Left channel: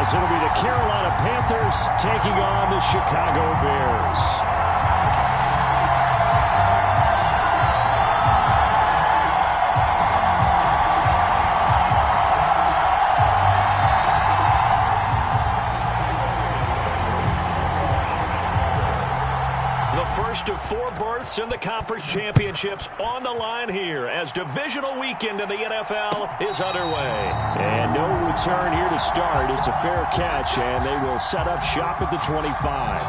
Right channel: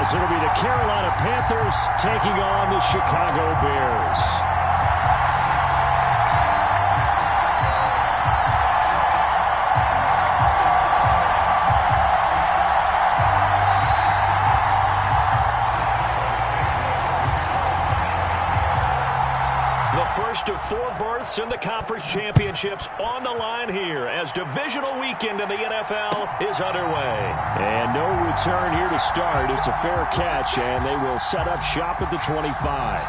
as it'll be the Carolina Panthers taking on the Chicago Bears. First of 4 berths in the conference championships on the line here as divisional weekend in the NFL is underway. And no return here to start. It's a fair catch, and they will set up shop at the 25.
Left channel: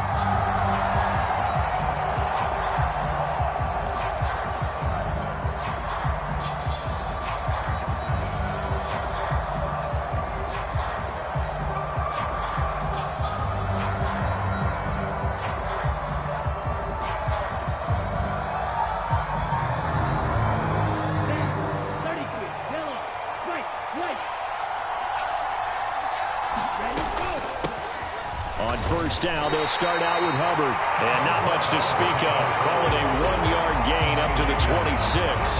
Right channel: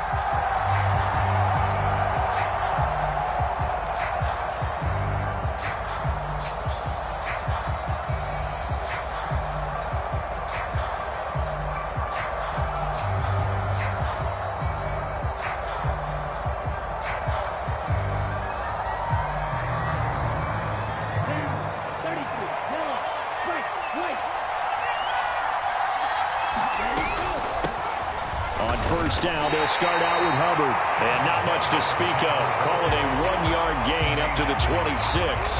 On first down, they'll start out with Hubbard. And not much to speak of. Call it a 1-yard gain up to the 26.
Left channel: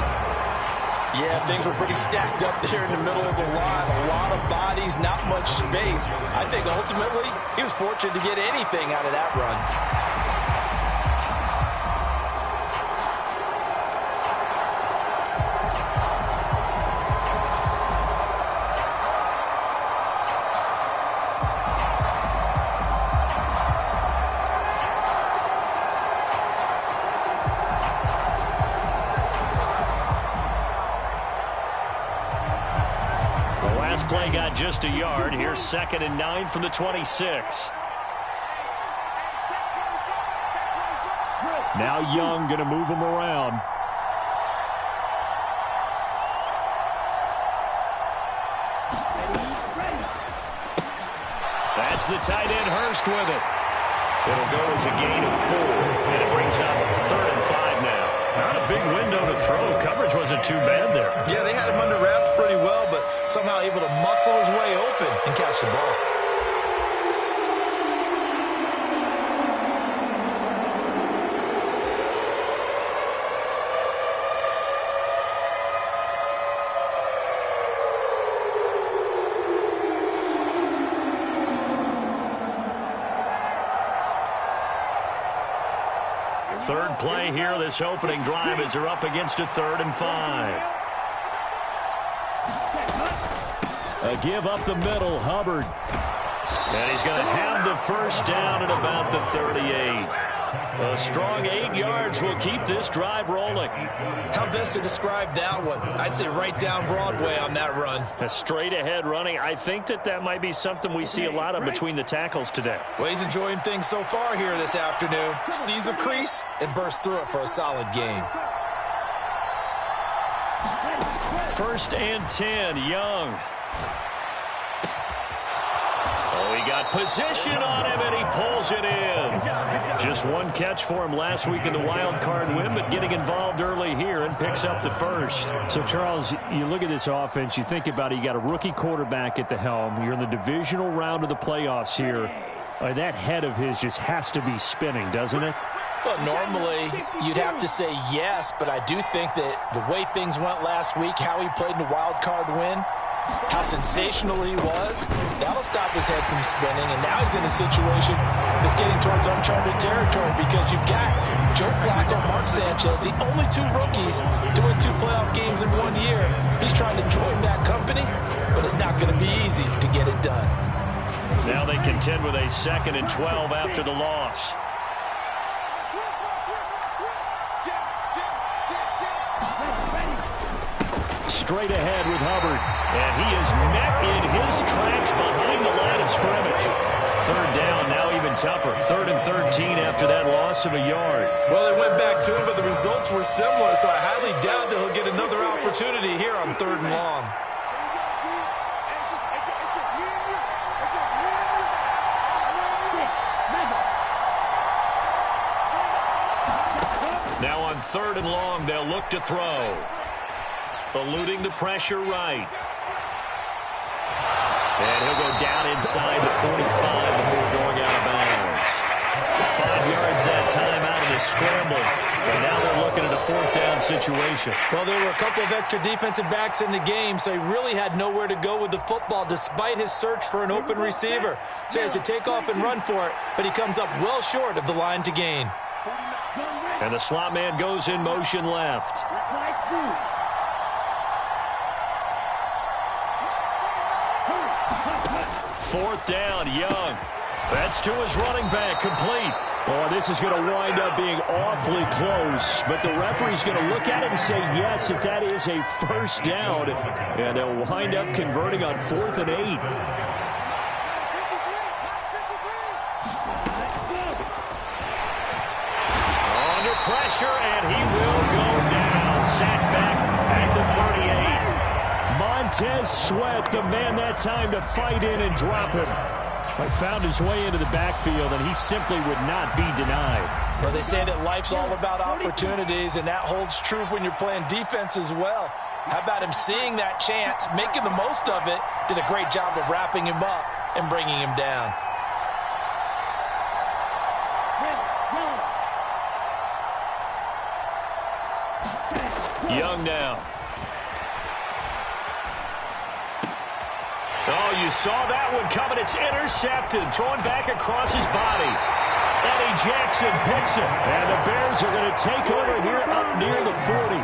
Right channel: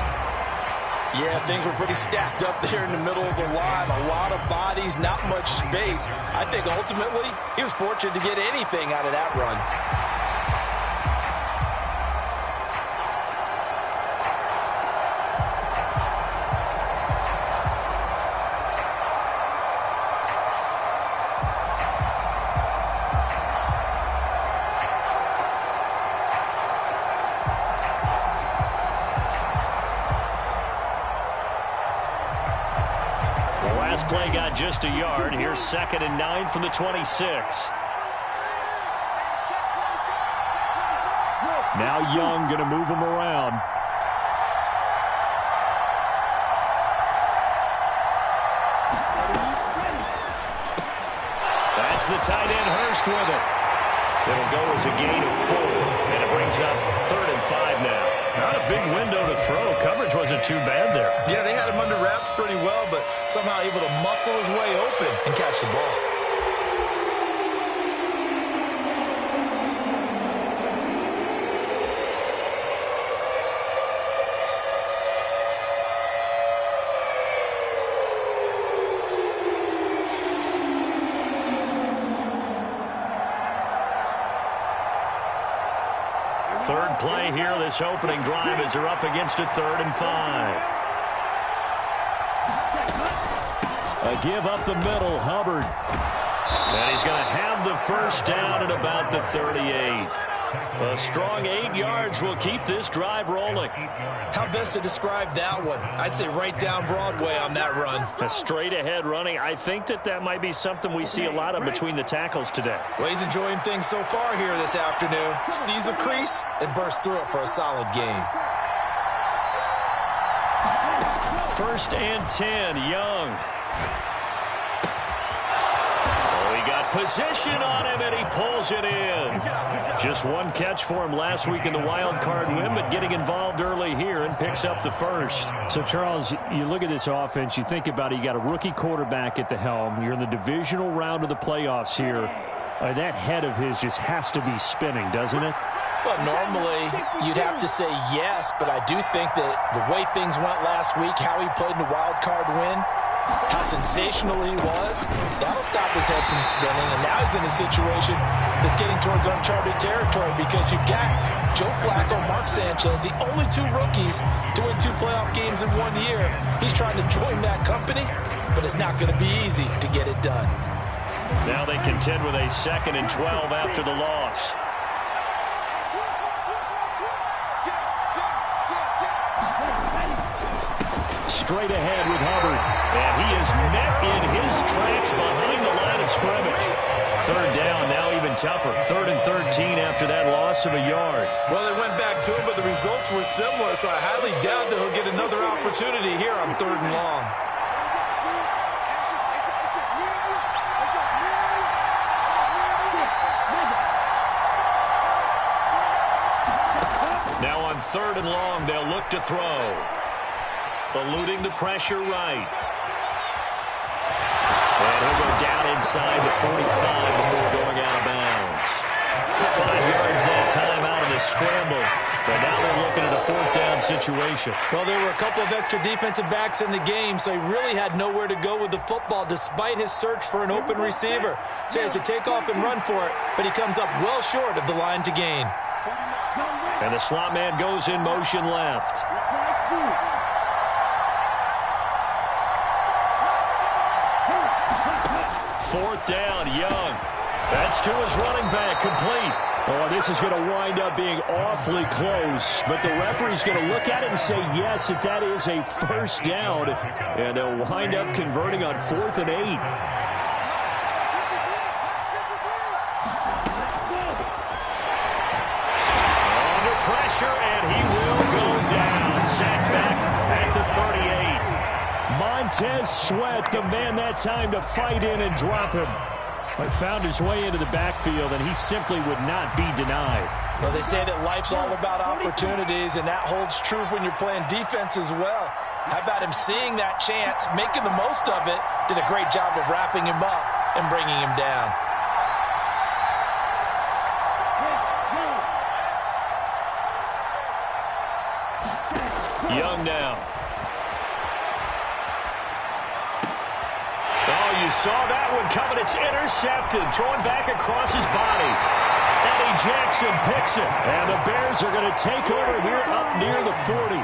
Yeah, things were pretty stacked up there in the middle of the line. A lot of bodies, not much space. I think ultimately he was fortunate to get anything out of that run. Last play got just a yard. Here's 2nd and 9 from the 26. Now Young going to move him around. That's the tight end Hurst with it. It'll go as a gain of 4, and it brings up 3rd and 5 now. Not a big window to throw. Coverage wasn't too bad there. Yeah, they had him under wraps pretty well, but somehow able to muscle his way open and catch the ball. Third play here, this opening drive, as they're up against a 3rd and 5. A give up the middle, Hubbard. And he's going to have the first down at about the 38. A strong 8 yards will keep this drive rolling. How best to describe that one? I'd say right down Broadway on that run. A straight ahead running. I think that might be something we see a lot of between the tackles today. Well, he's enjoying things so far here this afternoon. Sees a crease and bursts through it for a solid gain. 1st and 10, Young. He got position on him, and he pulls it in. Just one catch for him last week in the wild card win, but getting involved early here and picks up the first. So, Charles, you look at this offense, you think about it, you got a rookie quarterback at the helm. You're in the divisional round of the playoffs here. That head of his just has to be spinning, doesn't it? Well, normally you'd have to say yes, but I do think that the way things went last week, how he played in the wild card win, how sensational he was, that'll stop his head from spinning. And now he's in a situation that's getting towards uncharted territory because you've got Joe Flacco, Mark Sanchez, the only 2 rookies to win 2 playoff games in 1 year. He's trying to join that company, but it's not going to be easy to get it done. Now they contend with a 2nd and 12 after the loss. Straight ahead with Hubbard. And he is met in his tracks behind the line of scrimmage. 3rd down, now even tougher. 3rd and 13 after that loss of a yard. Well, they went back to him, but the results were similar, so I highly doubt that he'll get another opportunity here on 3rd and long. Now on 3rd and long, they'll look to throw. Eluding the pressure right. And he'll go down inside the 45 before going out of bounds. 5 yards that time out of the scramble. But now they're looking at a 4th down situation. Well, there were a couple of extra defensive backs in the game, so he really had nowhere to go with the football despite his search for an open receiver. So he has to take off and run for it, but he comes up well short of the line to gain. And the slot man goes in motion left. Fourth down, Young. That's to his running back, complete. Oh, this is going to wind up being awfully close. But the referee's going to look at it and say, yes, that is a first down. And they'll wind up converting on 4th and 8. Under pressure, and he will go down. Sacked back at the 38. Montez Sweat, the man that time to fight in and drop him. Found his way into the backfield, and he simply would not be denied. Well, they say that life's all about opportunities, and that holds true when you're playing defense as well. How about him seeing that chance, making the most of it, did a great job of wrapping him up and bringing him down. Young now. Oh, you saw that one coming. It's intercepted. Throwing back across his body. Eddie Jackson picks it. And the Bears are going to take over here up near the 40.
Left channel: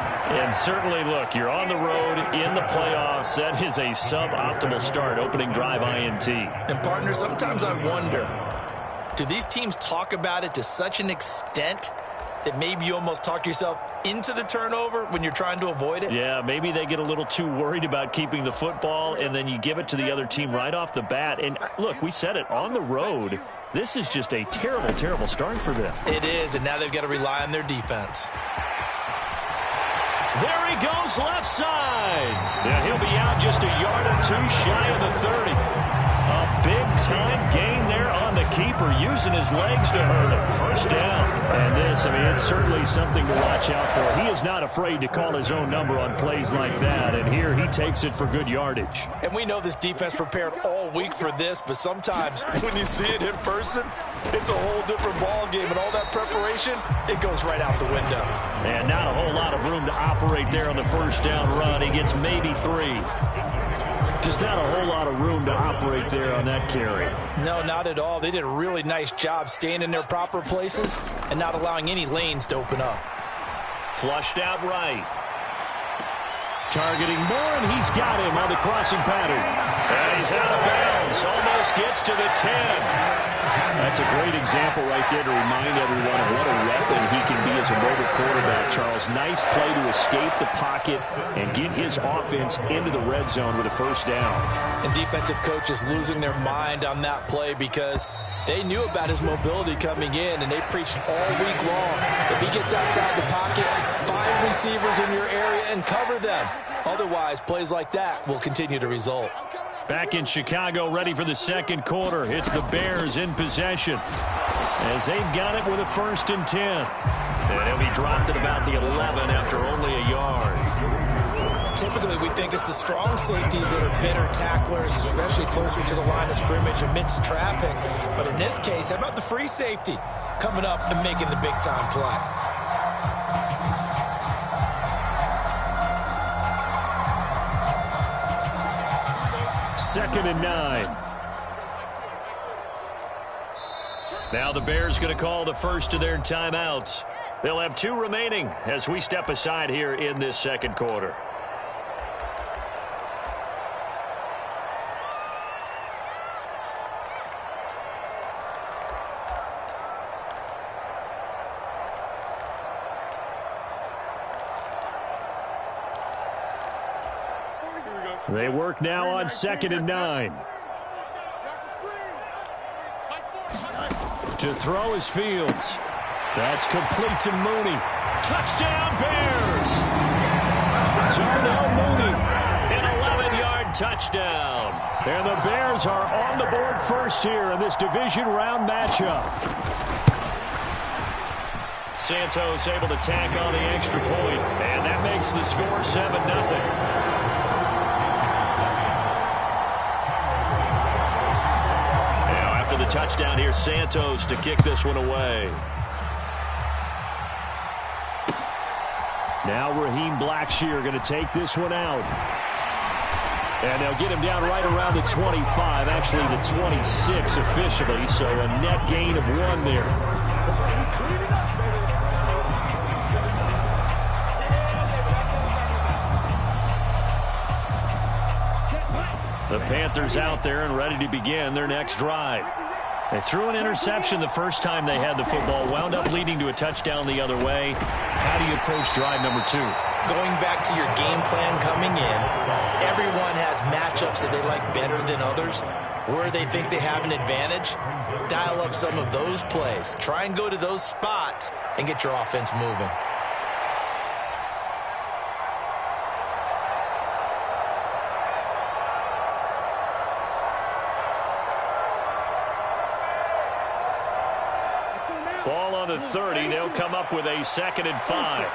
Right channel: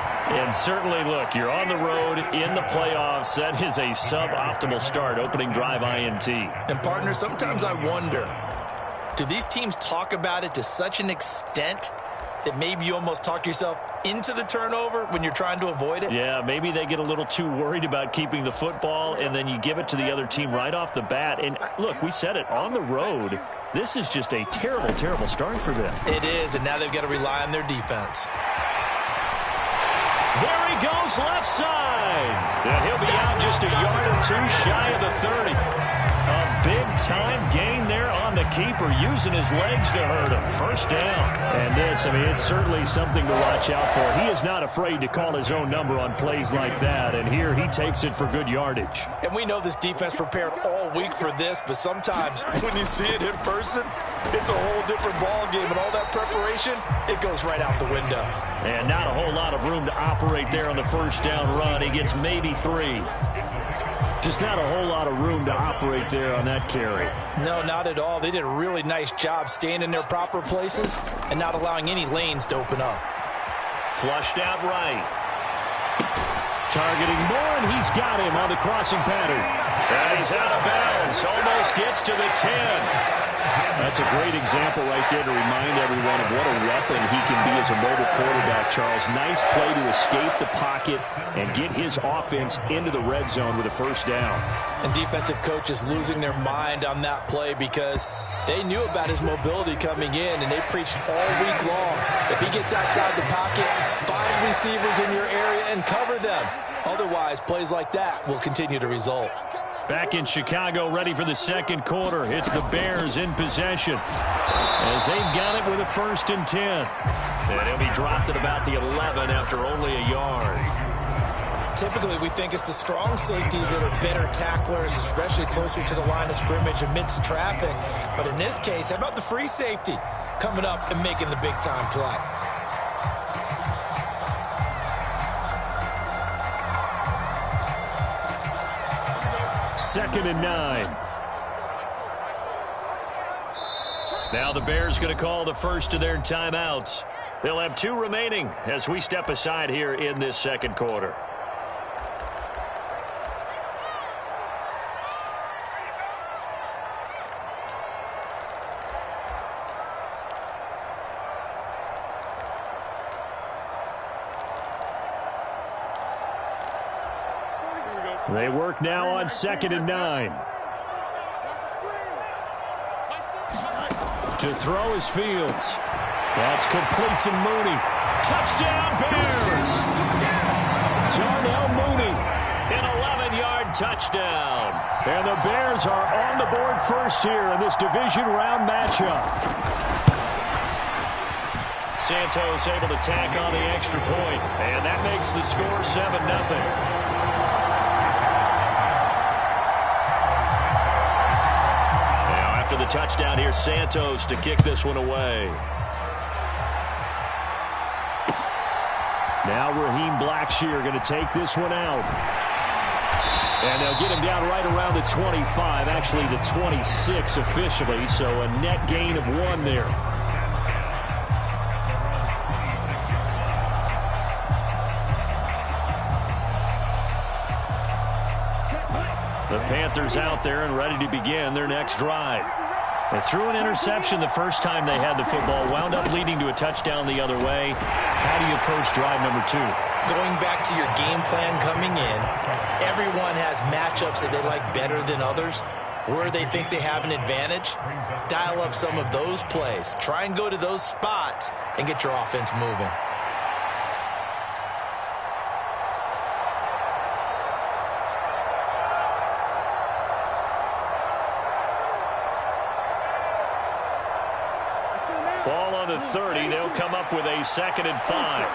And certainly, look, you're on the road in the playoffs. That is a suboptimal start, opening drive INT. And, partner, sometimes I wonder, do these teams talk about it to such an extent that maybe you almost talk yourself into the turnover when you're trying to avoid it? Yeah, maybe they get a little too worried about keeping the football, and then you give it to the other team right off the bat. And, look, we said it, on the road, this is just a terrible, terrible start for them. It is, and now they've got to rely on their defense. There he goes, left side. And he'll be out just a yard or two shy of the 30. A big-time gain there on the keeper, using his legs to hurt him. First down. And this, I mean, it's certainly something to watch out for. He is not afraid to call his own number on plays like that, and here he takes it for good yardage. And we know this defense prepared all week for this, but sometimes when you see it in person, it's a whole different ball game, and all that preparation, it goes right out the window. And not a whole lot of room to operate there on the first down run. He gets maybe 3. Just not a whole lot of room to operate there on that carry. No, not at all. They did a really nice job staying in their proper places and not allowing any lanes to open up. Flushed out right. Targeting Moore, and he's got him on the crossing pattern. And he's out of bounds. Almost gets to the 10. That's a great example right there to remind everyone of what a weapon he can be as a mobile quarterback, Charles. Nice play to escape the pocket and get his offense into the red zone with a first down. And defensive coaches losing their mind on that play because they knew about his mobility coming in, and they preached all week long. If he gets outside the pocket, find receivers in your area and cover them. Otherwise, plays like that will continue to result. Back in Chicago, ready for the second quarter. It's the Bears in possession as they've got it with a 1st and 10. And he'll be dropped at about the 11 after only a yard. Typically, we think it's the strong safeties that are better tacklers, especially closer to the line of scrimmage amidst traffic. But in this case, how about the free safety coming up and making the big-time play? Second and 9. Now the Bears going to call the first of their timeouts. They'll have 2 remaining as we step aside here in this second quarter. They work now on 2nd and 9. To throw is Fields. That's complete to Mooney. Touchdown Bears! Darnell Mooney, an 11-yard touchdown. And the Bears are on the board first here in this division round matchup. Santos able to tack on the extra point, and that makes the score 7-0. After after the touchdown, here's Santos to kick this one away. Now Raheem Blackshear going to take this one out. And they'll get him down right around the 25, actually the 26 officially, so a net gain of 1 there. The Panthers out there and ready to begin their next drive. They threw an interception the first time they had the football, wound up leading to a touchdown the other way. How do you approach drive number 2? Going back to your game plan coming in, everyone has matchups that they like better than others. Where they think they have an advantage, dial up some of those plays. Try and go to those spots and get your offense moving. Ball on the 30. They'll come up with a 2nd and 5.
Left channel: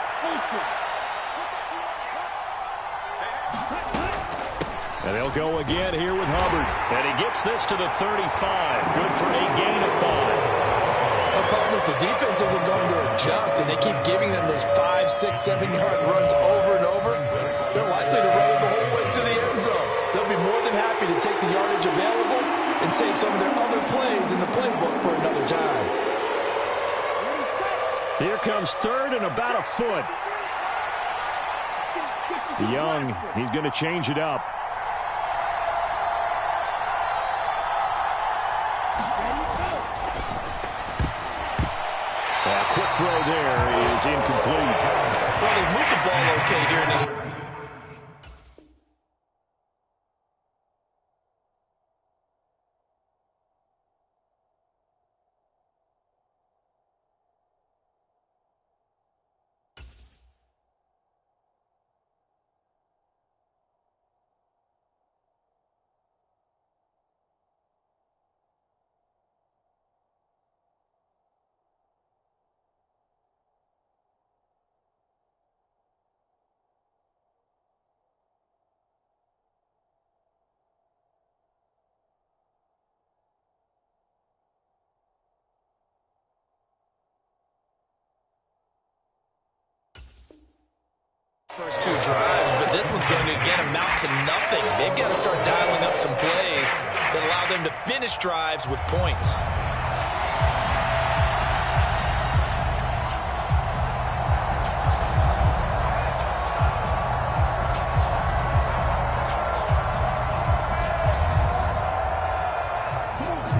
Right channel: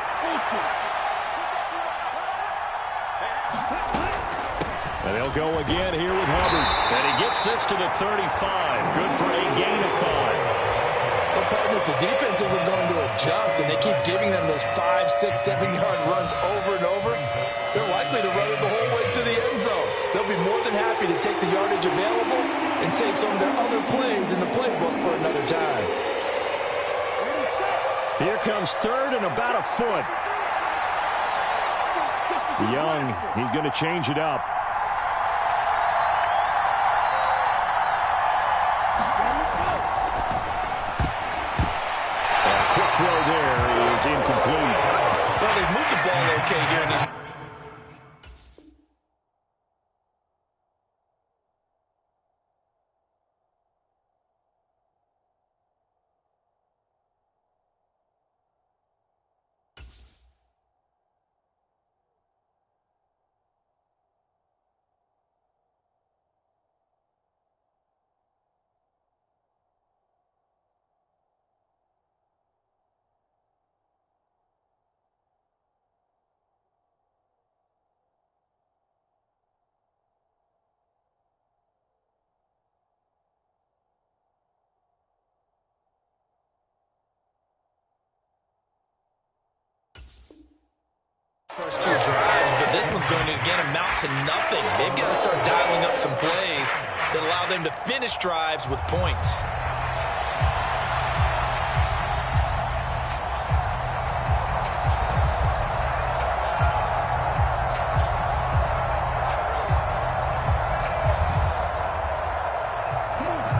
And they'll go again here with Hubbard. And he gets this to the 35. Good for a gain of 5. Well, partner, if the defense isn't going to adjust and they keep giving them those 5, 6, 7-yard runs over and over, they're likely to run it the whole way to the end zone. They'll be more than happy to take the yardage available and save some of their other plays in the playbook for another time. Here comes 3rd and about a foot. Young, he's going to change it up. A quick throw there is incomplete. Well, they've moved the ball okay here in these. First 2 drives, but this one's going to again amount to nothing. They've got to start dialing up some plays that allow them to finish drives with points.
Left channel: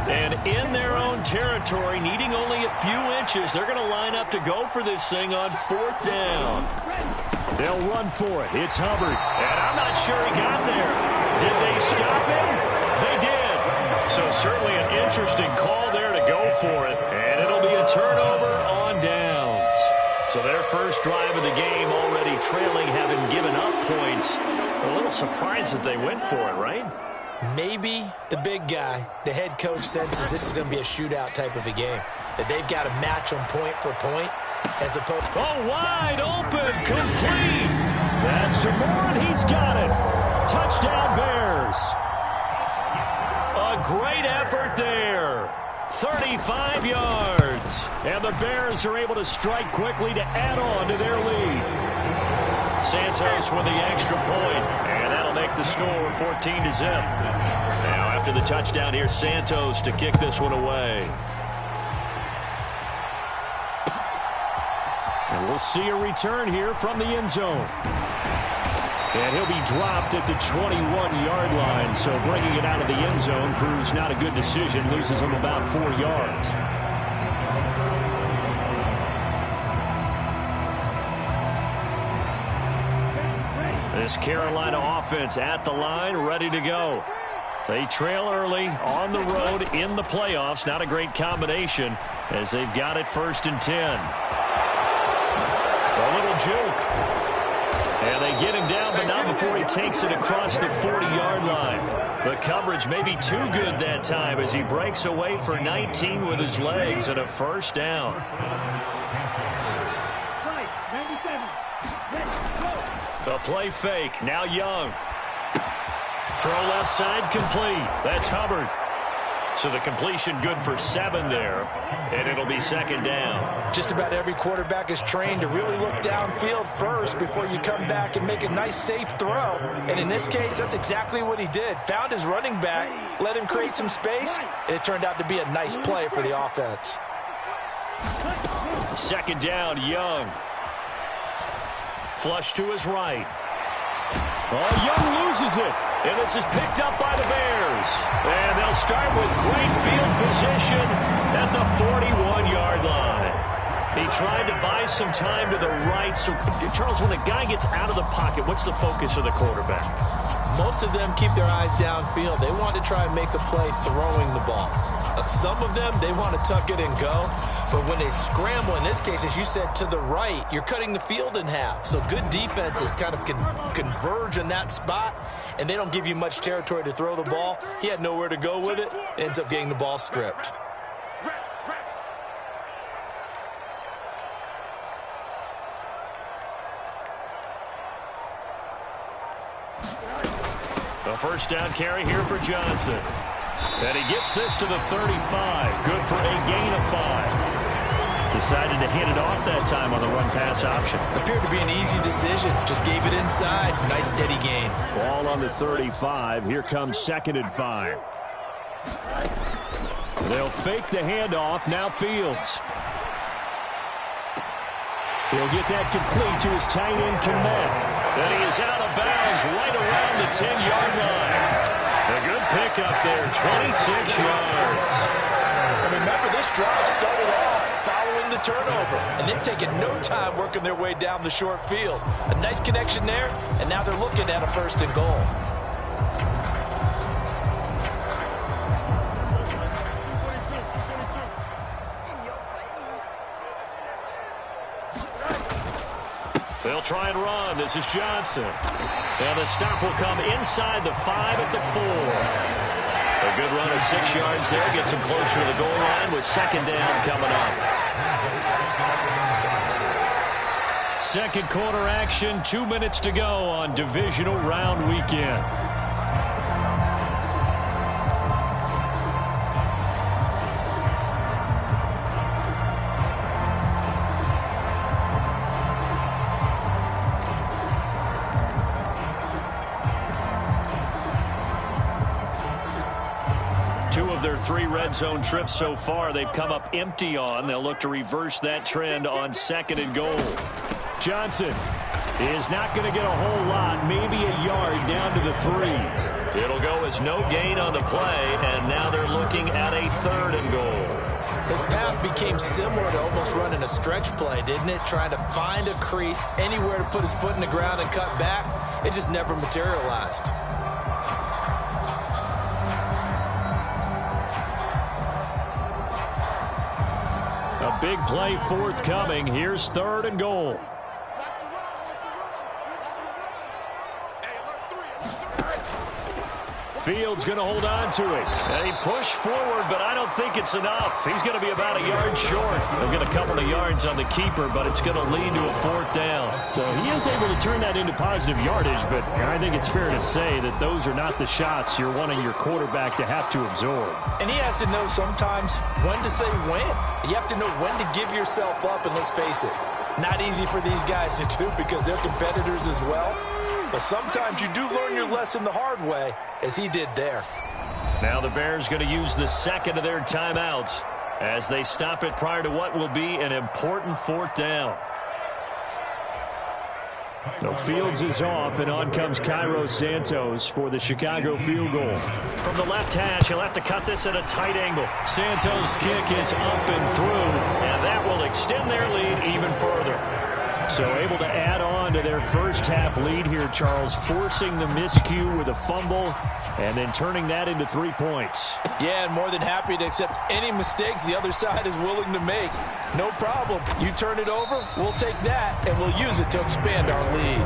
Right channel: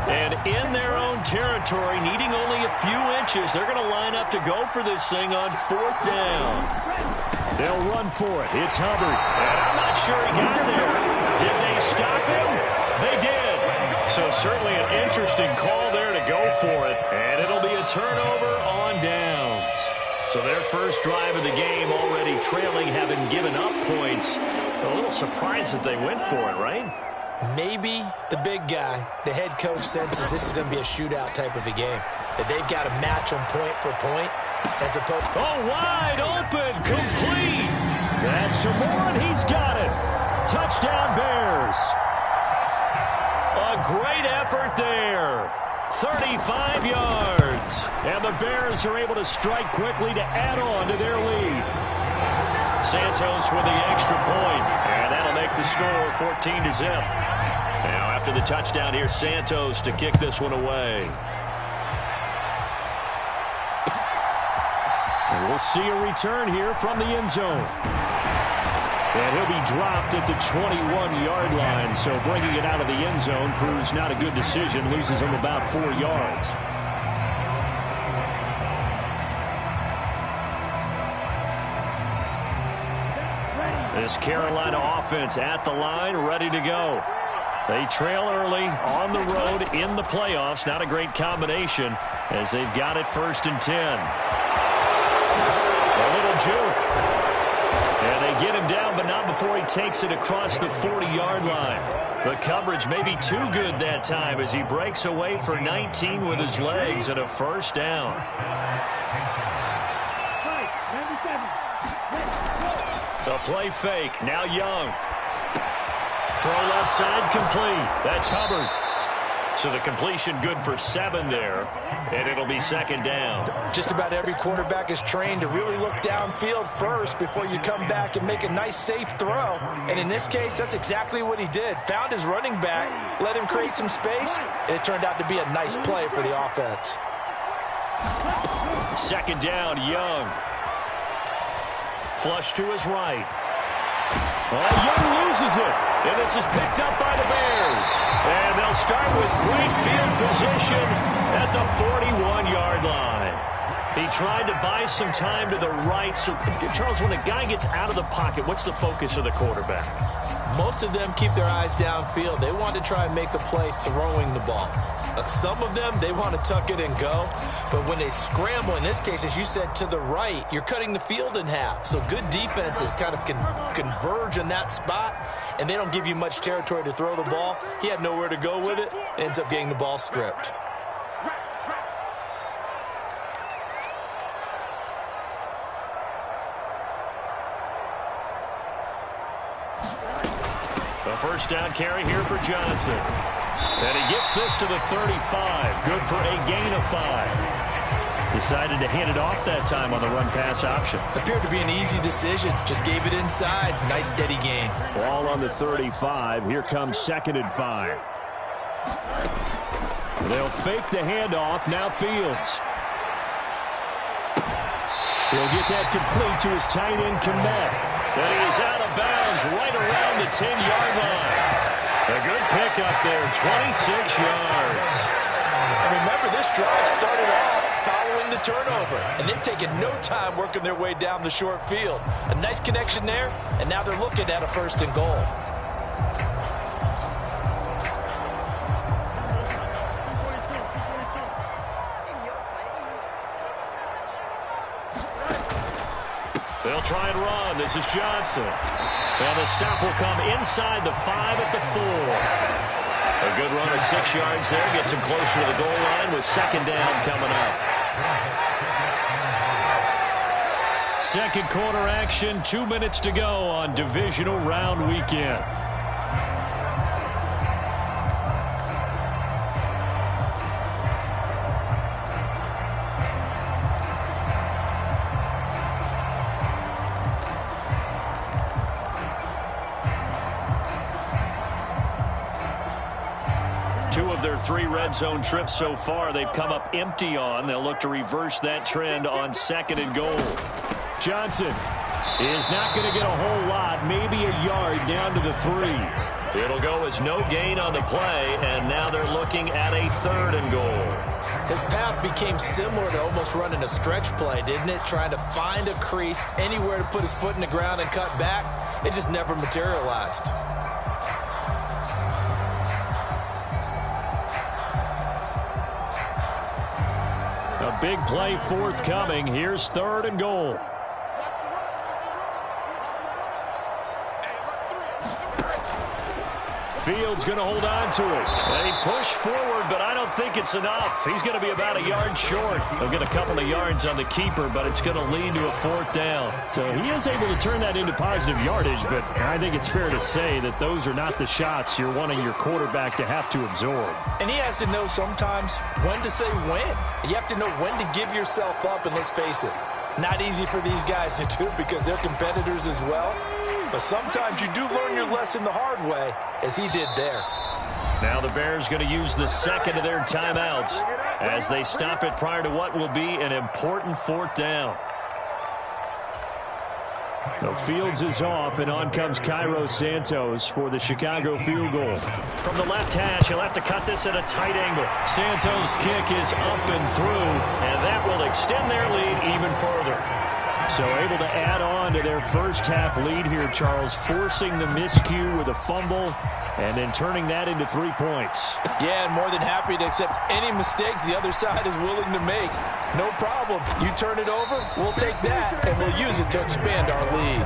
And in their own territory, needing only a few inches, they're going to line up to go for this thing on 4th down. They'll run for it. It's Hubbard. And I'm not sure he got there. Did they stop him? They did. So certainly an interesting call there to go for it. And it'll be a turnover on downs. So their first drive of the game already trailing, having given up points. A little surprised that they went for it, right? Maybe the big guy, the head coach, senses this is going to be a shootout type of a game. That they've got to match them point for point as opposed to... Oh, wide open, complete. That's to Moore, and he's got it. Touchdown, Bears. A great effort there. 35 yards. And the Bears are able to strike quickly to add on to their lead. Santos with the extra point, and that'll make the score 14-0. Now after the touchdown, here's Santos to kick this one away. And we'll see a return here from the end zone. And he'll be dropped at the 21-yard line, so bringing it out of the end zone proves not a good decision, loses him about 4 yards. This Carolina offense at the line, ready to go. They trail early on the road in the playoffs. Not a great combination as they've got it 1st and 10. A little juke. And they get him down, but not before he takes it across the 40-yard line. The coverage may be too good that time as he breaks away for 19 with his legs and a 1st down. A play fake. Now Young. Throw left side complete. That's Hubbard. So the completion good for 7 there, and it'll be second down. Just about every quarterback is trained to really look downfield first before you come back and make a nice, safe throw. And in this case, that's exactly what he did. Found his running back, let him create some space, and it turned out to be a nice play for the offense. Second down, Young. Flush to his right. Oh, Young loses it. And this is picked up by the Bears. And they'll start with great field position at the 41-yard line. He tried to buy some time to the right. So, Charles, when a guy gets out of the pocket, what's the focus of the quarterback? Most of them keep their eyes downfield. They want to try and make a play throwing the ball. Some of them, they want to tuck it and go. But when they scramble, in this case, as you said, to the right, you're cutting the field in half. So good defenses kind of converge in that spot, and they don't give you much territory to throw the ball. He had nowhere to go with it. Ends up getting the ball stripped. A first down carry here for Johnson. And he gets this to the 35. Good for a gain of 5. Decided to hand it off that time on the run-pass option. Appeared to be an easy decision. Just gave it inside. Nice, steady gain. Ball on the 35. Here comes 2nd and 5. They'll fake the handoff. Now Fields. He'll get that complete to his tight end, Kmet. And he is out of bounds right around the 10-yard line. A good pickup there, 26 yards. And remember, this drive started off following the turnover, and they've taken no time working their way down the short field. A nice connection there, and now they're looking at a 1st and goal. They'll try and run. This is Johnson. And the stop will come inside the 5 at the 4. A good run of 6 yards there. Gets him closer to the goal line with 2nd down coming up. Second quarter action. 2 minutes to go on Divisional Round Weekend. Their 3 red zone trips so far, they've come up empty on. They'll look to reverse that trend on 2nd and goal. Johnson is not going to get a whole lot, maybe a yard down to the 3. It'll go as no gain on the play, and now they're looking at a 3rd and goal. His path became similar to almost running a stretch play, didn't it? Trying to find a crease, anywhere to put his foot in the ground and cut back. It just never materialized. A big play forthcoming. Here's 3rd and goal. Fields going to hold on to it. And he pushed forward, but I don't think it's enough. He's going to be about a yard short. He'll get a couple of yards on the keeper, but it's going to lead to a 4th down. So he is able to turn that into positive yardage, but I think it's fair to say that those are not the shots you're wanting your quarterback to have to absorb. And he has to know sometimes when to say when. You have to know when to give yourself up, and let's face it, not easy for these guys to do because they're competitors as well. But sometimes you do learn your lesson the hard way, as he did there. Now the Bears going to use the 2nd of their timeouts as they stop it prior to what will be an important 4th down. So Fields is off, and on comes Cairo Santos for the Chicago field goal. From the left hash, he'll have to cut this at a tight angle. Santos' kick is up and through, and that will extend their lead even further. So able to add on to their first half lead here, Charles, forcing the miscue with a fumble and then turning that into 3 points. Yeah, and more than happy to accept any mistakes the other side is willing to make. No problem. You turn it over, we'll take that, and we'll use it to expand our lead.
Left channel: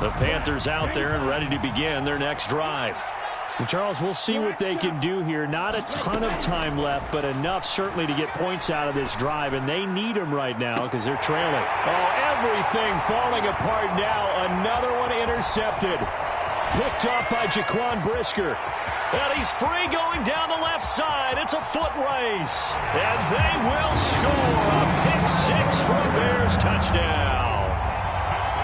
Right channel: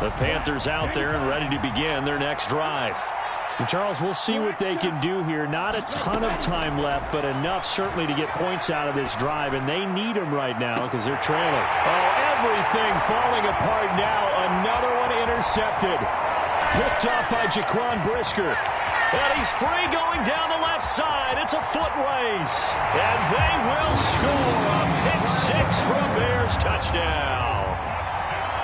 The Panthers out there and ready to begin their next drive. And Charles, we'll see what they can do here. Not a ton of time left, but enough certainly to get points out of this drive, and they need them right now because they're trailing. Oh, everything falling apart now. Another one intercepted. Picked off by Jaquan Brisker. And he's free going down the left side. It's a foot race. And they will score a pick-6 for a Bears touchdown.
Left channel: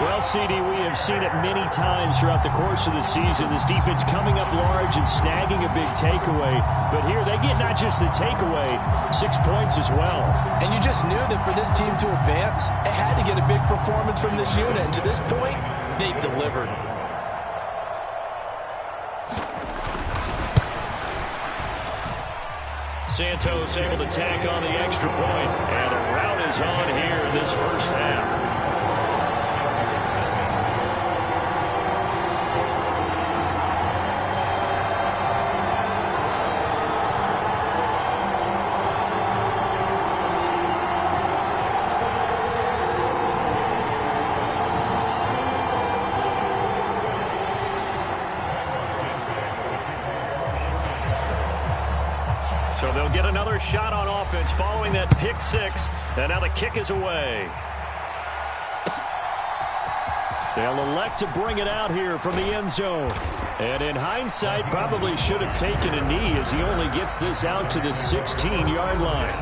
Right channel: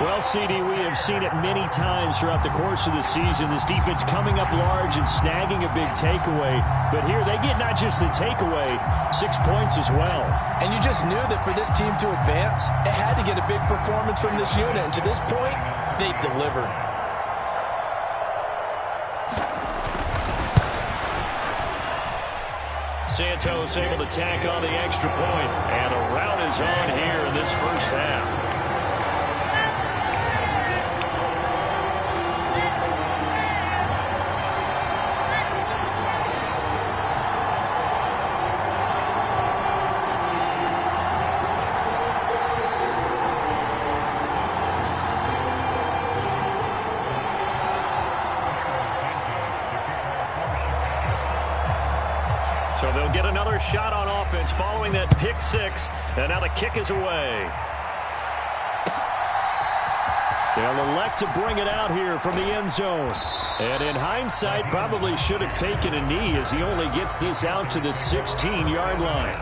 Well, CD, we have seen it many times throughout the course of the season. This defense coming up large and snagging a big takeaway. But here they get not just the takeaway, 6 points as well. And you just knew that for this team to advance, it had to get a big performance from this unit. And to this point, they've delivered. Santos able to tack on the extra point. And the rout is on here in this first half. So they'll get another shot on offense following that pick-6, and now the kick is away. They'll elect to bring it out here from the end zone. And in hindsight, probably should have taken a knee as he only gets this out to the 16-yard line.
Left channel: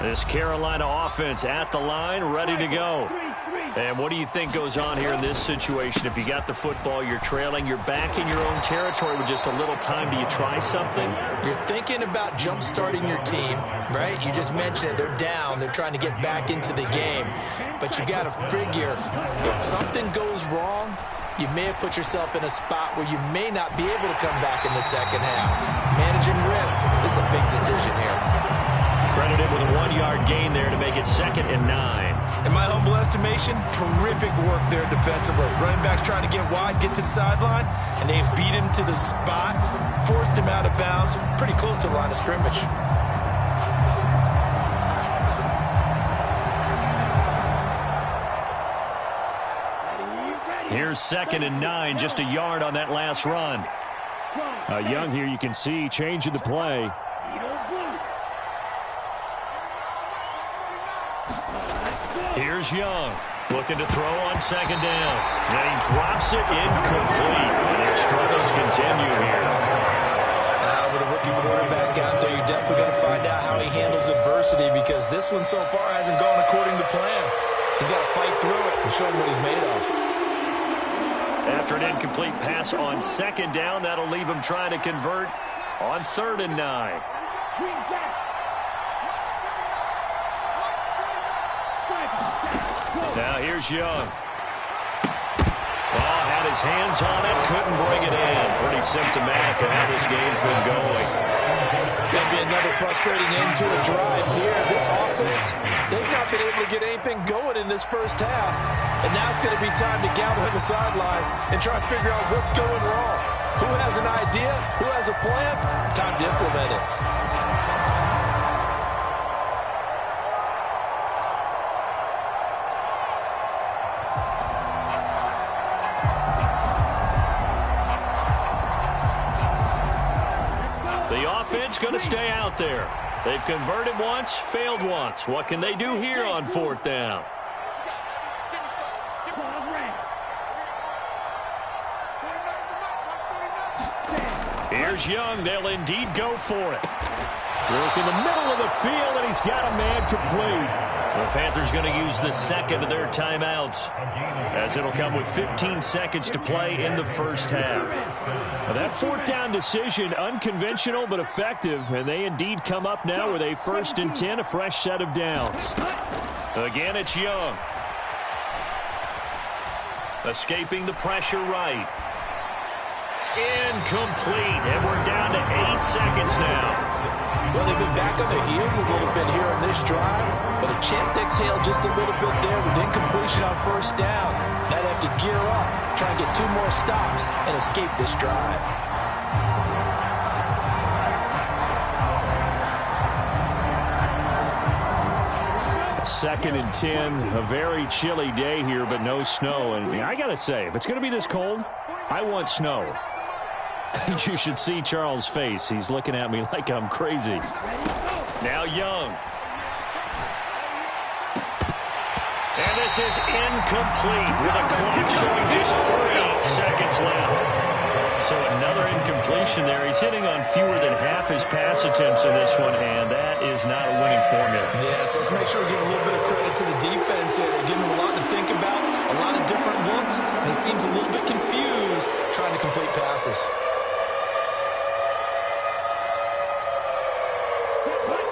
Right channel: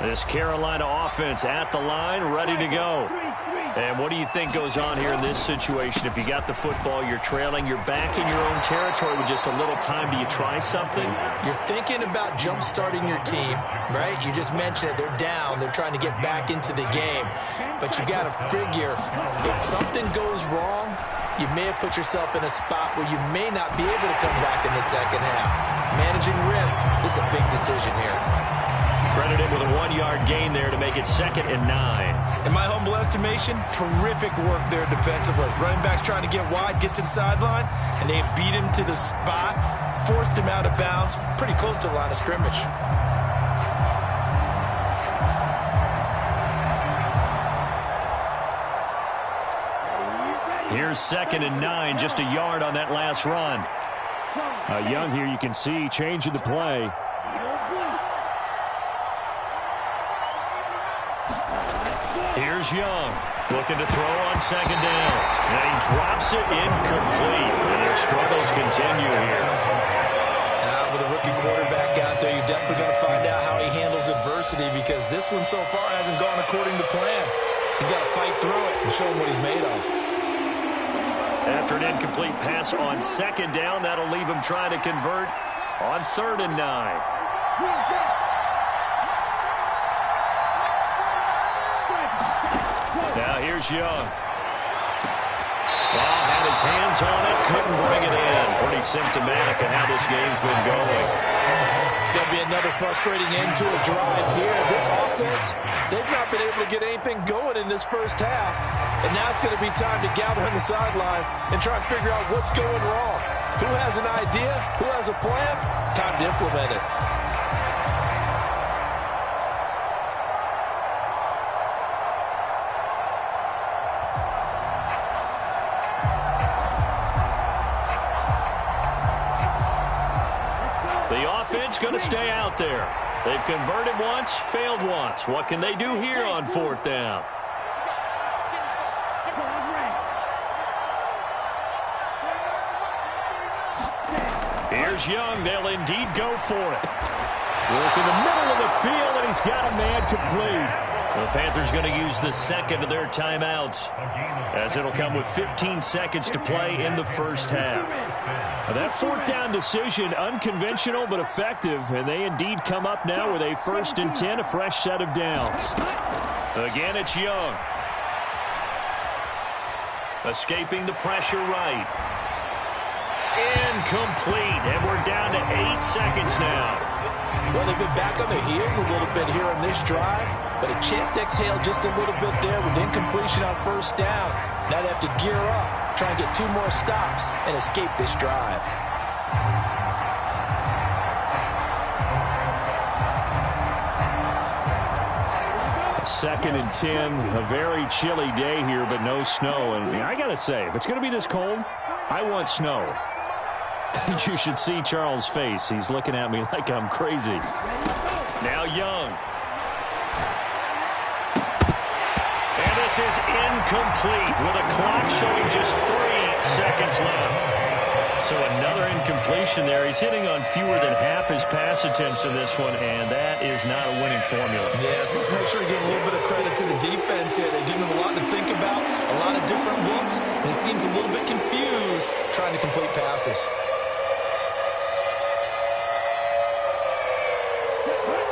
This Carolina offense at the line, ready to go. And what do you think goes on here in this situation? If you got the football, you're trailing, you're back in your own territory with just a little time. Do you try something? You're thinking about jump-starting your team, right? You just mentioned it. They're down. They're trying to get back into the game. But you got to figure, if something goes wrong, you may have put yourself in a spot where you may not be able to come back in the second half. Managing risk, this is a big decision here. Credited with a 1-yard gain there to make it 2nd and 9. In my humble estimation, terrific work there defensively. Running backs trying to get wide, get to the sideline, and they beat him to the spot, forced him out of bounds, pretty close to the line of scrimmage. Here's 2nd and 9, just a yard on that last run. Young here, you can see, changing the play. Here's Young, looking to throw on 2nd down. And he drops it incomplete, and their struggles continue here. With a rookie quarterback out there, you're definitely going to find out how he handles adversity, because this one so far hasn't gone according to plan. He's got to fight through it and show him what he's made of. After an incomplete pass on 2nd down, that'll leave him trying to convert on 3rd and 9. Now here's Young. Well, had his hands on it, couldn't bring it in. Pretty symptomatic of how this game's been going. It's going to be another frustrating end to a drive here. This offense, they've not been able to get anything going in this first half. And now it's going to be time to gather on the sidelines and try and figure out what's going wrong. Who has an idea? Who has a plan? Time to implement it. The offense going to stay out there. They've converted once, failed once. What can they do here on 4th down? Here's Young. They'll indeed go for it. Work in the middle of the field, and he's got a man complete. The Panthers going to use the 2nd of their timeouts, as it'll come with 15 seconds to play in the first half. Now that 4th down decision, unconventional but effective, and they indeed come up now with a 1st and 10, a fresh set of downs. Again, it's Young. Escaping the pressure right. Incomplete, and we're down to 8 seconds now. Well, they've been back on their heels a little bit here on this drive, but a chance to exhale just a little bit there with incompletion on 1st down. Now they have to gear up, try and get 2 more stops, and escape this drive. 2nd and 10, a very chilly day here, but no snow. And I got to say, if it's going to be this cold, I want snow. You should see Charles' face. He's looking at me like I'm crazy. Now Young. And this is incomplete with a clock showing just 3 seconds left. So another incompletion there. He's hitting on fewer than half his pass attempts in this one, and that is not a winning formula. Yeah, so let's make sure we give a little bit of credit to the defense here. They're giving him a lot to think about, a lot of different looks, and he seems a little bit confused trying to complete passes.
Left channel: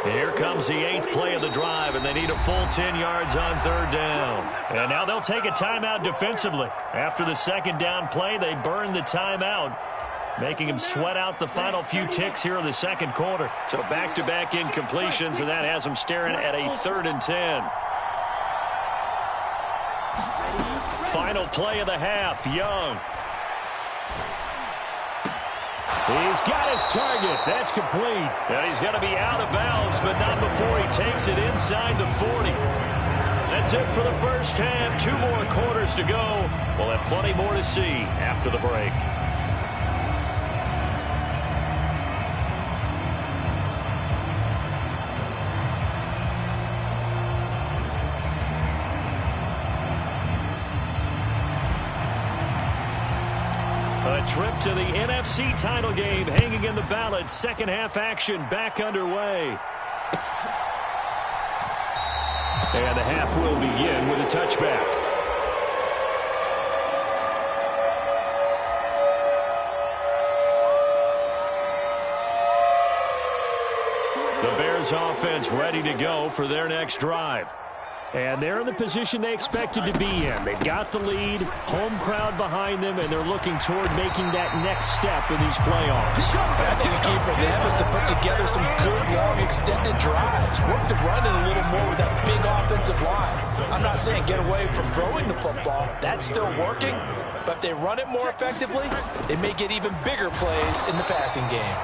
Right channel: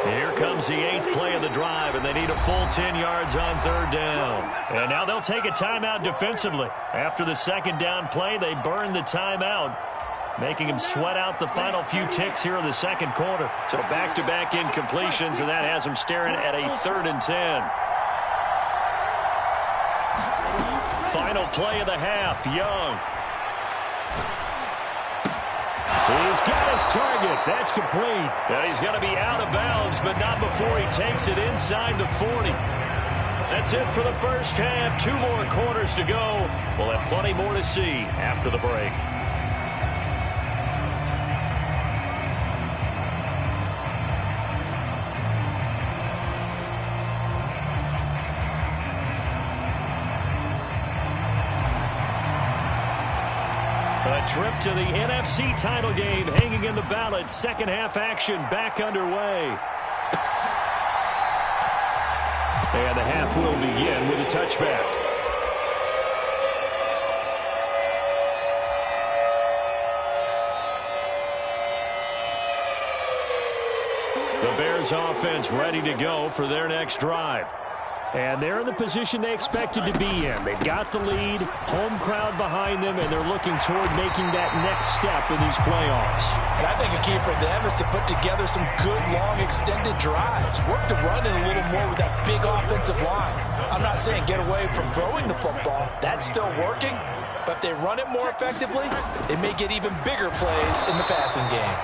Here comes the 8th play of the drive, and they need a full 10 yards on 3rd down. And now they'll take a timeout defensively. After the 2nd down play, they burn the timeout, making him sweat out the final few ticks here in the 2nd quarter. So back-to-back incompletions, and that has him staring at a 3rd and 10. Final play of the half, Young. He's got his target. That's complete. And he's going to be out of bounds, but not before he takes it inside the 40. That's it for the first half. 2 more quarters to go. We'll have plenty more to see after the break. A trip to the NFC title game hanging in the balance. Second half action back underway. And the half will begin with a touchback. The Bears offense ready to go for their next drive. And they're in the position they expected to be in. They've got the lead, home crowd behind them, and they're looking toward making that next step in these playoffs. And I think a key for them is to put together some good, long, extended drives. Work the run in a little more with that big offensive line. I'm not saying get away from throwing the football. That's still working. But if they run it more effectively, they may get even bigger plays in the passing game.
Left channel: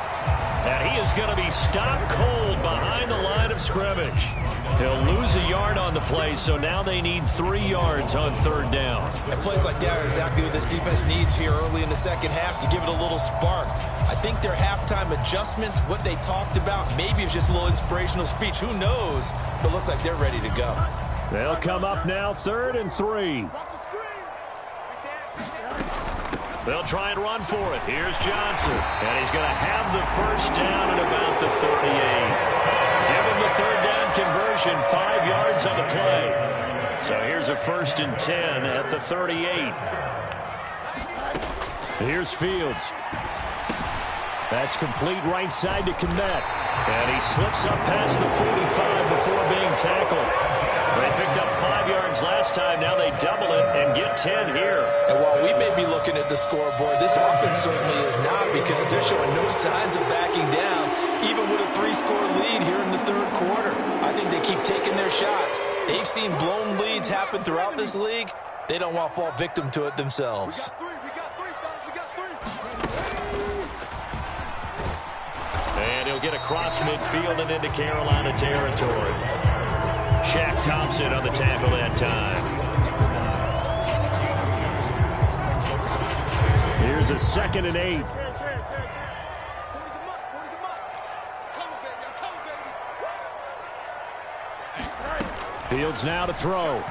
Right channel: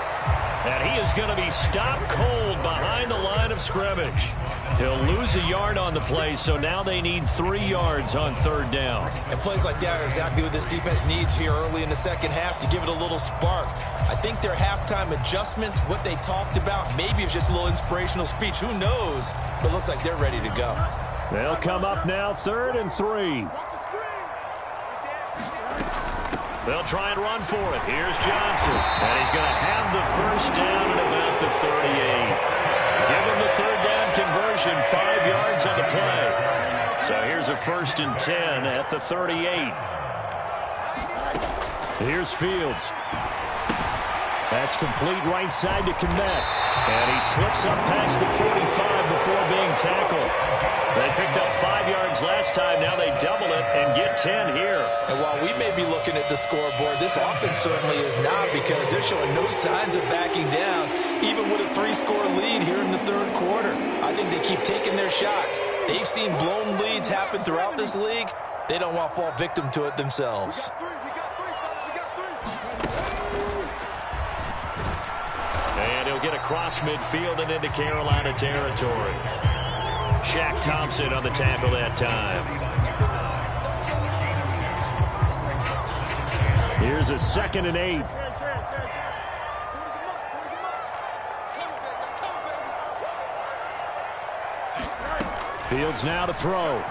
And he is going to be stopped cold behind the line of scrimmage. He'll lose a yard on the play, so now they need 3 yards on 3rd down. And plays like that are exactly what this defense needs here early in the second half to give it a little spark. I think their halftime adjustments, what they talked about, maybe it's just a little inspirational speech. Who knows? But it looks like they're ready to go. They'll come up now 3rd and 3. They'll try and run for it. Here's Johnson. And he's going to have the first down at about the 38. Give him the 3rd down conversion, 5 yards on the play. So here's a 1st and 10 at the 38. Here's Fields. That's complete right side to Kmet. And he slips up past the 45 before being tackled. They picked up 5 yards last time. Now they double it and get 10 here. And while we may be looking at the scoreboard, this offense certainly is not, because they're showing no signs of backing down, even with a 3-score lead here in the 3rd quarter. I think they keep taking their shots. They've seen blown leads happen throughout this league. They don't want to fall victim to it themselves. And he'll get across midfield and into Carolina territory. Shaq Thompson on the tackle that time. Here's a 2nd and 8. Fields now to throw.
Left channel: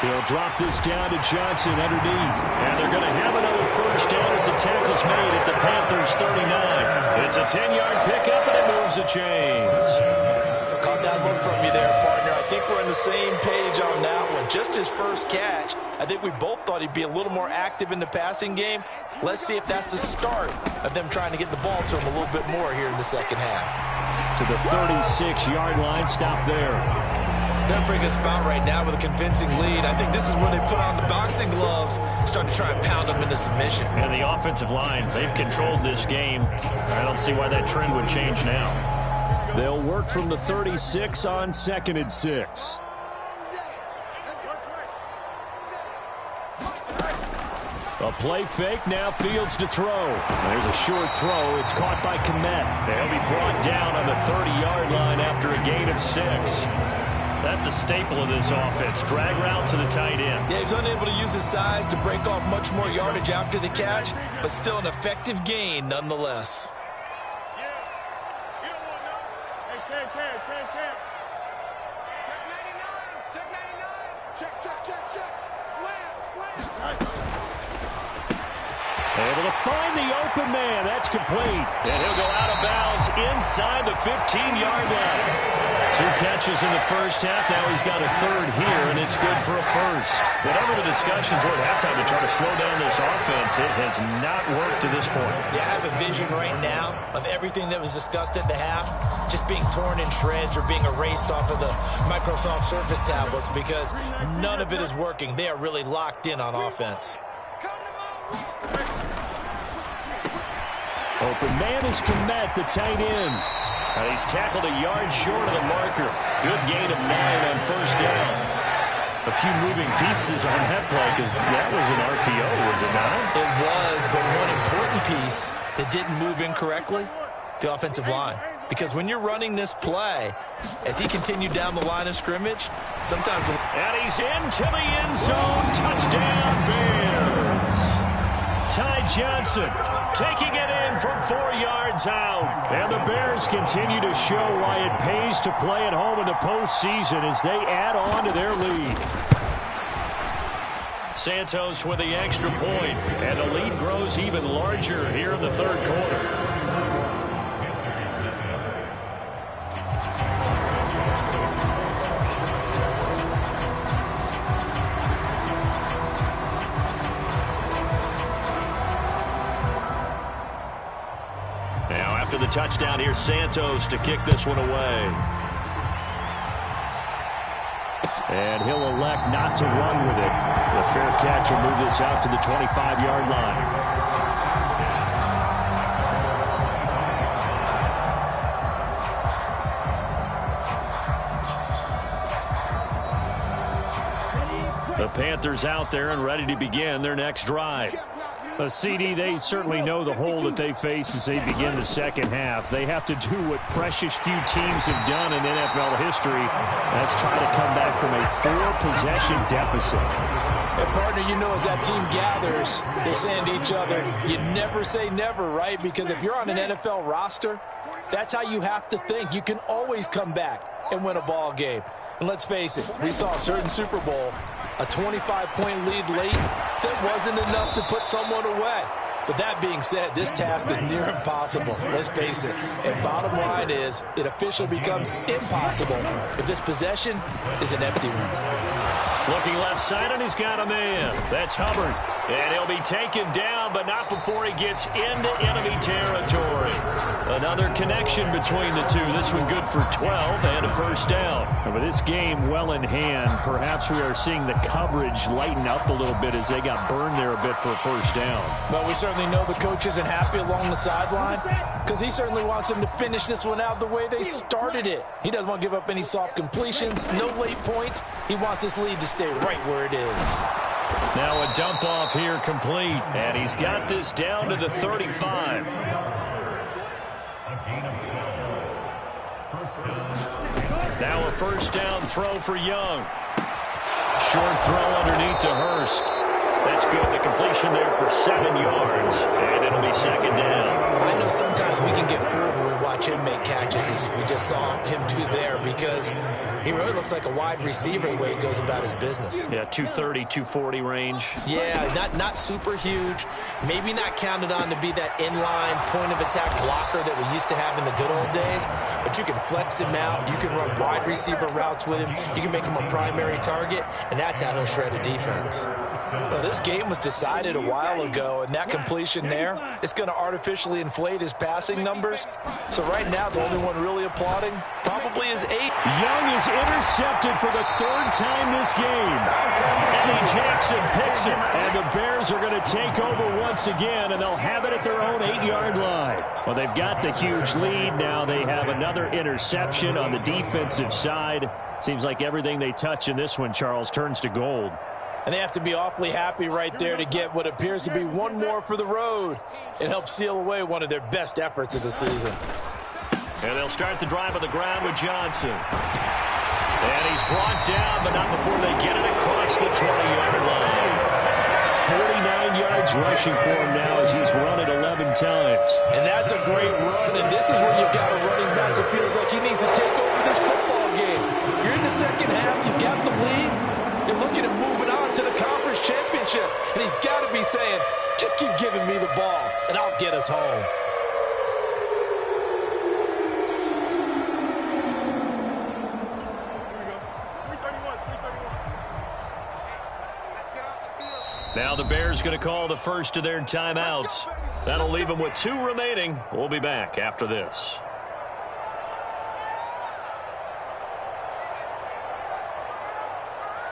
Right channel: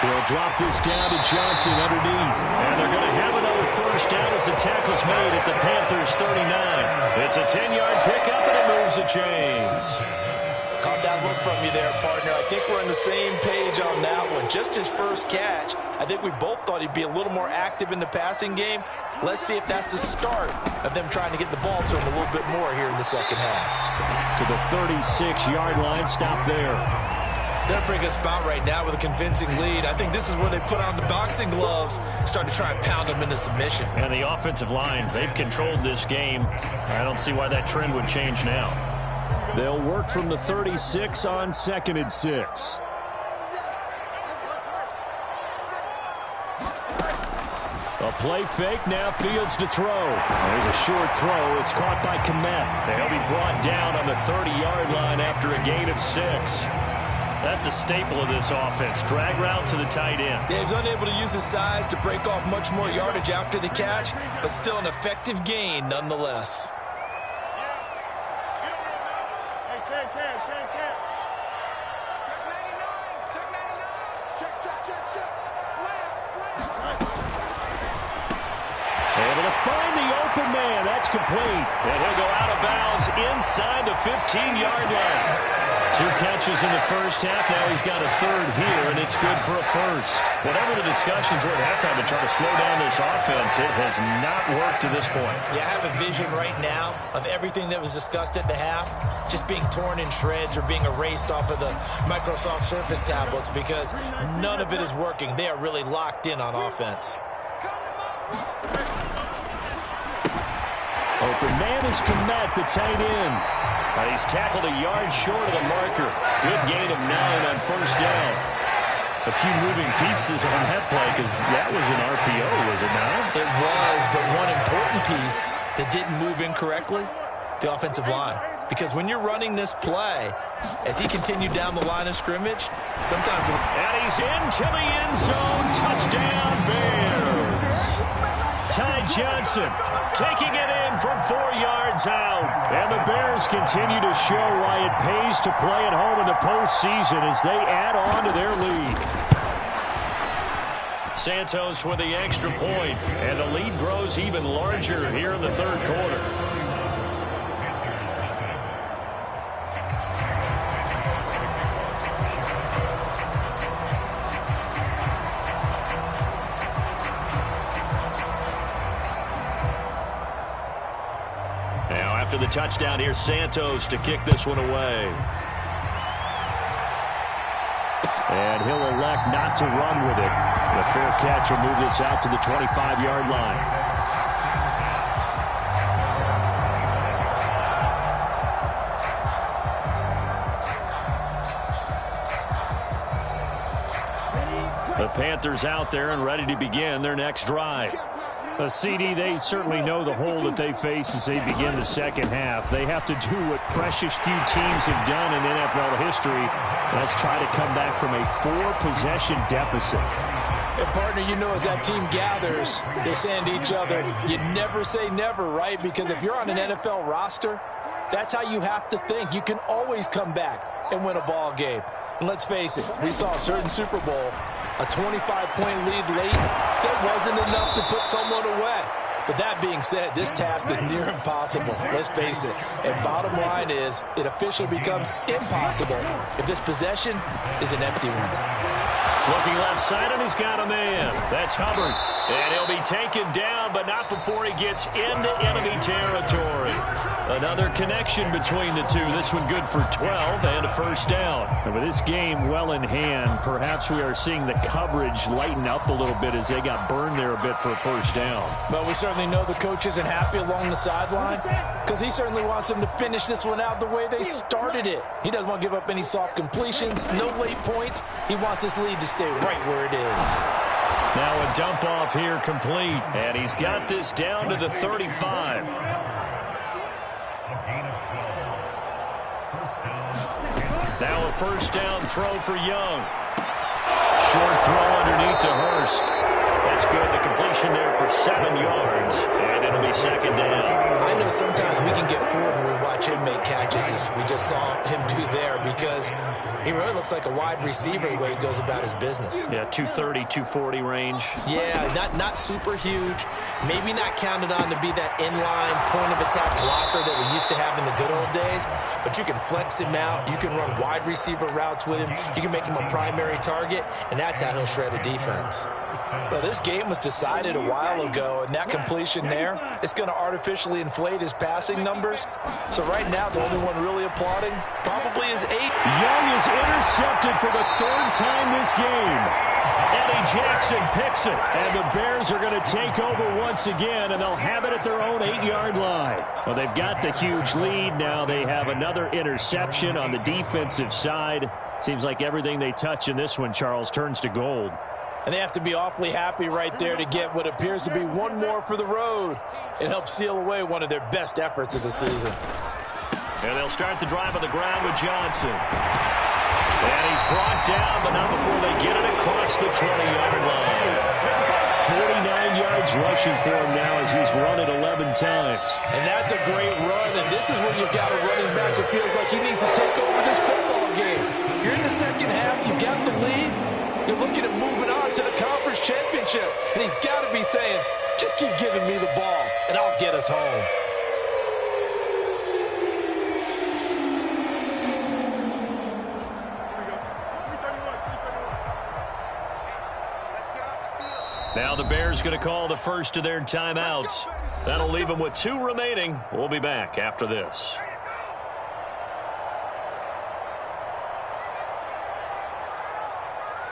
He'll drop this down to Johnson underneath. And they're going to have another first down as the tackle's made at the Panthers' 39. It's a 10-yard pickup, and it moves the chains. Caught that look from you there, partner. I think we're on the same page on that one. Just his first catch. I think we both thought he'd be a little more active in the passing game. Let's see if that's the start of them trying to get the ball to him a little bit more here in the second half. To the 36-yard line, stop there. They're in a pretty good spot right now with a convincing lead. I think this is where they put on the boxing gloves, start to try and pound them into submission. And the offensive line, they've controlled this game. I don't see why that trend would change now. They'll work from the 36 on 2nd and 6. A play fake, now fields to throw. There's a short throw. It's caught by Kmet. He'll be brought down on the 30-yard line after a gain of 6. That's a staple of this offense. Drag route to the tight end. Yeah, he's unable to use his size to break off much more yardage after the catch, but still an effective gain nonetheless. Able to find the open man. That's complete. And he'll go out of bounds inside the 15-yard line. 2 catches in the first half. Now he's got a third here, and it's good for a first. Whatever the discussions were at halftime to try to slow down this offense, it has not worked to this point. Yeah, I have a vision right now of everything that was discussed at the half just being torn in shreds or being erased off of the Microsoft Surface tablets because none of it is working. They are really locked in on offense. Open man is Kmet, the tight end. And he's tackled a yard short of the marker. Good gain of 9 on first down. A few moving pieces on that play because that was an RPO, was it not? It was, but one important piece that didn't move incorrectly, the offensive line. Because when you're running this play, as he continued down the line of scrimmage, sometimes... And he's into the end zone. Touchdown, Bears. Ty Johnson taking it in from 4 yards out. And the Bears continue to show why it pays to play at home in the postseason as they add on to their lead. Santos with the extra point, and the lead grows even larger here in the third quarter. Now after the touchdown, here's Santos to kick this one away. And he'll elect not to run with it. The fair catch will move this out to the 25-yard line. The Panthers out there and ready to begin their next drive. A CD, they certainly know the hole that they face as they begin the second half. They have to do what precious few teams have done in NFL history. That's try to come back from a 4-possession deficit. And partner, you know, as that team gathers, they're saying to each other, you never say never, right? Because if you're on an NFL roster, that's how you have to think. You can always come back and win a ball game. And let's face it, we saw a certain Super Bowl, a 25-point lead late, that wasn't enough to put someone away. But that being said, this task is near impossible. Let's face it. And bottom line is, it officially becomes impossible if this possession is an empty one. Looking left side, and he's got a man. That's Hubbard. And he'll be taken down, but not before he gets into enemy territory. Another connection between the two. This one good for 12 and a first down. And with this game well in hand, perhaps we are seeing the coverage lighten up a little bit as they got burned there a bit for a first down. Well, we certainly know the coach isn't happy along the sideline because he certainly wants them to finish this one out the way they started it. He doesn't want to give up any soft completions, no late points. He wants this lead to stay right where it is. Now a dump off here complete, and he's got this down to the 35. Now a first down throw for Young. Short throw underneath to Hurst. That's good. The completion there for 7 yards, and it'll be second down. I know sometimes we can get fooled when we watch him make catches, as we just saw him do there, because he really looks like a wide receiver the way he goes about his business. Yeah, 230, 240 range. Yeah, not super huge. Maybe not counted on to be that inline point-of-attack blocker that we used to have in the good old days, but you can flex him out. You can run wide receiver routes with him. You can make him a primary target, and that's how he'll shred a defense. Well, this game was decided a while ago, and that completion there, it's going to artificially inflate his passing numbers. So right now, the only one really applauding probably is 8. Young is intercepted for the 3rd time this game. Eddie Jackson picks it, and the Bears are going to take over once again, and they'll have it at their own 8-yard line. Well, they've got the huge lead. Now they have another interception on the defensive side. Seems like everything they touch in this one, Charles, turns to gold. And they have to be awfully happy right there to get what appears to be one more for the road and help seal away one of their best efforts of the season. And they'll start the drive on the ground with Johnson. And he's brought down, but not before they get it across the 20-yard line. 49 yards rushing for him now as he's run it 11 times. And that's a great run, and this is where you've got a running back who feels like he needs to take over this football game. You're in the second half, you've got the lead, you're looking at moving on to the conference championship, and he's got to be saying, just keep giving me the ball, and I'll get us home. Now the Bears going to call the first of their timeouts. That'll leave them with 2 remaining. We'll be back after this.